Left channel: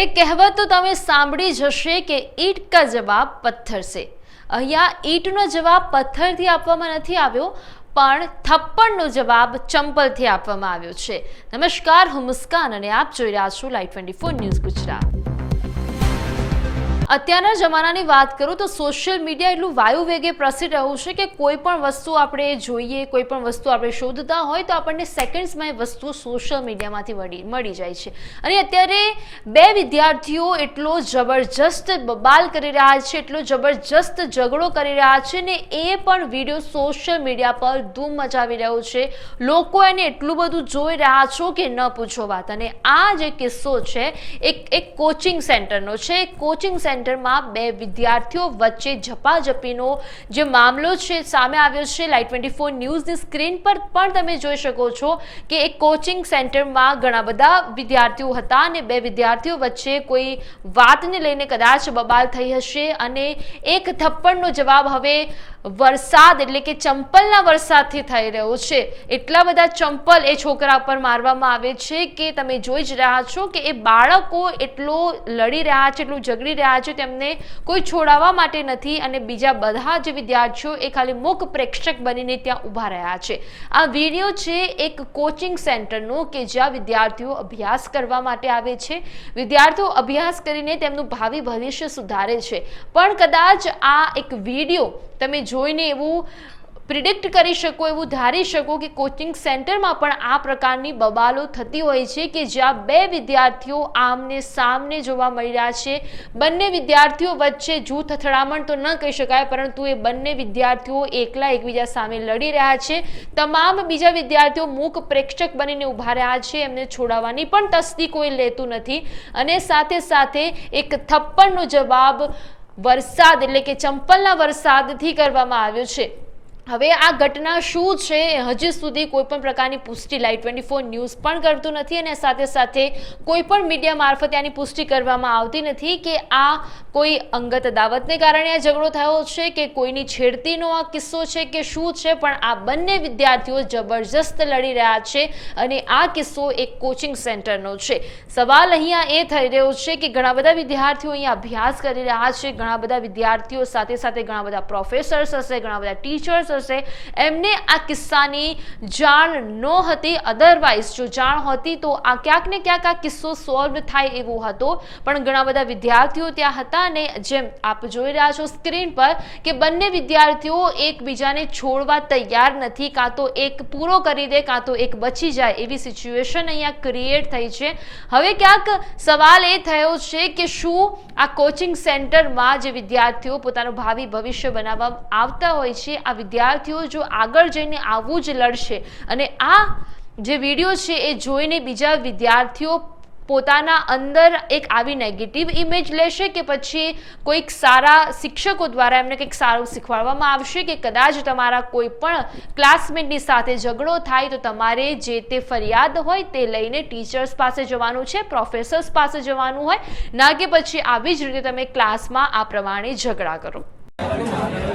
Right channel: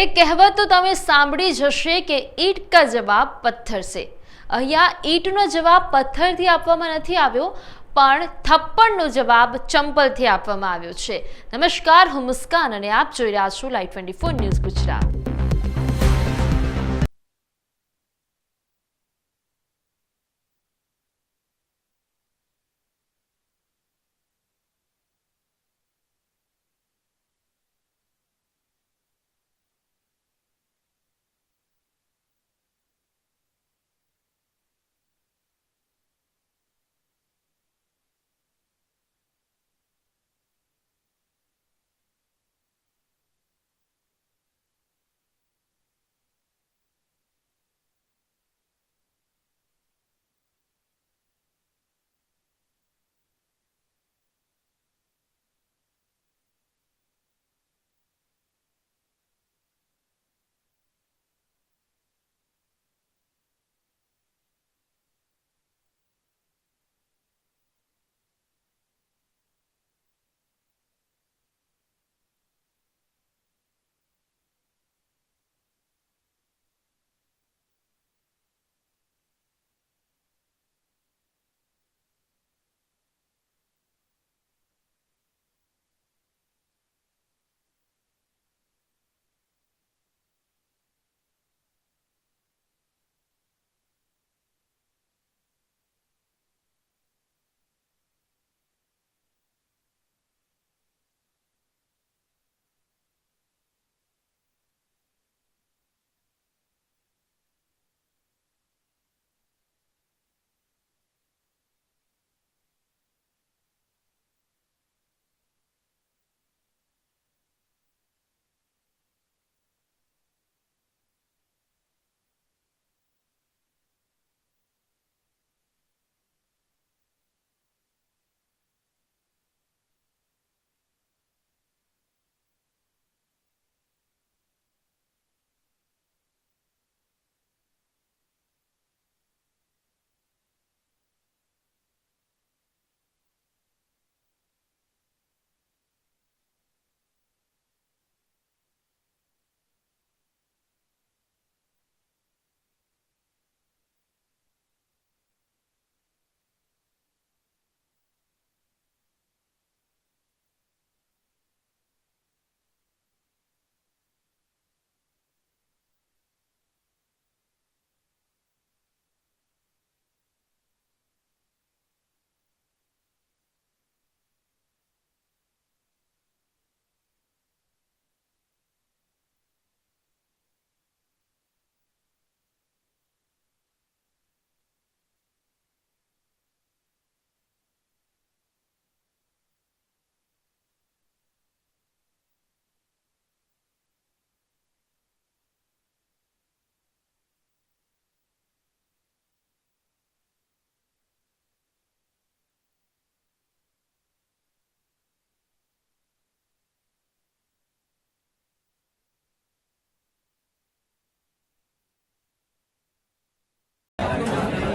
એ કહેવત તો તમે સાંભળી જ હશે કે ઈંટ કા જવાબ પથ્થર છે અહીંયા ઈંટનો જવાબ પથ્થરથી આપવામાં નથી આવ્યો, પણ થપ્પડનો જવાબ ચંપલથી આપવામાં આવ્યો છે. નમસ્કાર, હું મુસ્કાન અને આપ જોઈ રહ્યા છો live twenty four news Gujarat. અત્યારના જમાનાની વાત કરું તો સોશિયલ મીડિયા એટલું વાયુ વેગે પ્રસિદ્ધ રહ્યું છે કે કોઈ પણ વસ્તુ આપણે જોઈએ, કોઈ પણ વસ્તુ આપણે શોધતા હોય તો આપણને સેકન્ડ્સમાં એ વસ્તુ સોશિયલ મીડિયામાંથી મળી મળી જાય છે. અને અત્યારે બે વિદ્યાર્થીઓ એટલો જબરજસ્ત બબાલ કરી રહ્યા છે, એટલો જબરજસ્ત ઝઘડો કરી રહ્યા છે ને એ પણ વીડિયો સોશિયલ મીડિયા પર ધૂમ મચાવી રહ્યો છે. લોકો એને એટલું બધું જોઈ રહ્યા છો કે ન પૂછો વાત. અને આ જે કિસ્સો છે, એક એક કોચિંગ સેન્ટરનો છે કોચિંગ સેન્ટરમાં બે વિદ્યાર્થીઓ વચ્ચે ઝપાઝપીનો જે મામલો છે સામે આવ્યો છે લાઈટ ટ્વેન્ટી ફોર ન્યૂઝની સ્ક્રીન પર પણ તમે જોઈ શકો છો કે એક કોચિંગ સેન્ટરમાં ઘણા બધા વિદ્યાર્થીઓ હતા અને બે વિદ્યાર્થીઓ વચ્ચે કોઈ વાતને લઈને કદાચ બબાલ થઈ હશે અને એક થપ્પડનો જવાબ હવે વરસાદ એટલે કે ચંપલના વરસાદથી થઈ રહ્યો છે. એટલા બધા ચંપલ એ છોકરા પર મારવામાં આવે છે કે તમે જોઈ જ રહ્યા છો કે એ બાળકો એટલો લડી રહ્યા છે, એટલું ઝઘડી રહ્યા છે, તેમને કોઈ છોડાવવા માટે નથી અને બીજા બધા જે વિદ્યાર્થીઓ એ ખાલી મુખ પ્રેક્ષક બનીને ત્યાં ઊભા રહ્યા છે. આ વીડિયો છે એક કોચિંગ સેન્ટરનો કે જ્યાં વિદ્યાર્થીઓ અભ્યાસ કરવા માટે આવે છે. વિદ્યાર્થીઓ અભ્યાસ કરીને તેમનું ભાવિ ભવિષ્ય સુધારે છે. પણ કદાચ આ એક વીડિયો તમે જોઈને એવું પ્રિડિક્ટ કરી શકો, એવું ધારી શકો કે કોચિંગ સેન્ટરમાં પણ આ પ્રકારની બબાલો થતી હોય છે કે જ્યાં બે વિદ્યાર્થીઓ આમને સામને જોવા મળી રહ્યા છે. બંને વિદ્યાર્થીઓ વચ્ચે જૂથ અથડામણ તો ન કહી શકાય, પરંતુ એ બંને વિદ્યાર્થીઓ એકલા એકબીજા સામે લડી રહ્યા છે. તમામ બીજા વિદ્યાર્થીઓ મૂક પ્રેક્ષક બનીને ઊભા રહ્યા છે, એમને છોડાવવાની પણ તસ્દી કોઈ લેતું નથી. અને સાથે સાથે એક થપ્પડનો જવાબ વરસાદ એટલે કે ચંપલના વરસાદથી કરવામાં આવ્યો છે. હવે આ ઘટના શું છે હજી સુધી કોઈ પણ પ્રકારની પુષ્ટિ લાઈવ ટ્વેન્ટી ફોર ન્યૂઝ પણ કરતું નથી અને સાથે સાથે કોઈ પણ મીડિયા મારફતે આની પુષ્ટિ કરવામાં આવતી નથી કે આ કોઈ અંગત દાવતને કારણે આ ઝઘડો થયો છે કે કોઈની છેડતીનો આ કિસ્સો છે કે શું છે, પણ આ બંને વિદ્યાર્થીઓ જબરજસ્ત લડી રહ્યા છે અને આ કિસ્સો એક કોચિંગ સેન્ટરનો છે. સવાલ અહીંયા એ થઈ રહ્યો છે કે ઘણા બધા વિદ્યાર્થીઓ અહીંયા અભ્યાસ કરી રહ્યા છે, ઘણા બધા વિદ્યાર્થીઓ સાથે સાથે ઘણા બધા પ્રોફેસર્સ હશે, ઘણા બધા ટીચર્સ હશે એમને આ કિસ્સાની જાણ ન હતી અધરવાઇઝ જો જાણ હતી તો આ ક્યાંક ને ક્યાંક આ કિસ્સો સોલ્વ થાય એવો હતો. પણ ઘણા બધા વિદ્યાર્થીઓ ત્યાં હતા અને જેમ આપ જોઈ રહ્યા છો સ્ક્રીન પર કે બંને વિદ્યાર્થીઓ એકબીજાને છોડવા તૈયાર નથી, કાં તો એક પૂરો કરી દે, કાં તો એક બચી જાય એવી સિચ્યુએશન અહીંયા ક્રિએટ થઈ છે. હવે ક્યાંક સવાલ એ થયો છે કે શું આ કોચિંગ સેન્ટરમાં જે વિદ્યાર્થીઓ પોતાનું ભાવિ ભવિષ્ય બનાવવા આવતા હોય છે, આ વિદ્યાર્થીઓ જો આગળ જઈને આવું જ લડશે અને આ જે વીડિયો છે એ જોઈને બીજા વિદ્યાર્થીઓ પોતાના અંદર એક આવી નેગેટિવ ઇમેજ લેશે કે પછી કોઈક સારા શિક્ષકો દ્વારા એમને કંઈક સારું શીખવાડવામાં આવશે કે કદાચ તમારા કોઈ પણ ક્લાસમેટની સાથે ઝઘડો થાય તો તમારે જે તે ફરિયાદ હોય તે લઈને ટીચર્સ પાસે જવાનું છે પ્રોફેસર્સ પાસે જવાનું હોય, ના કે પછી આવી જ રીતે તમે ક્લાસમાં આ પ્રમાણે ઝઘડા કરો.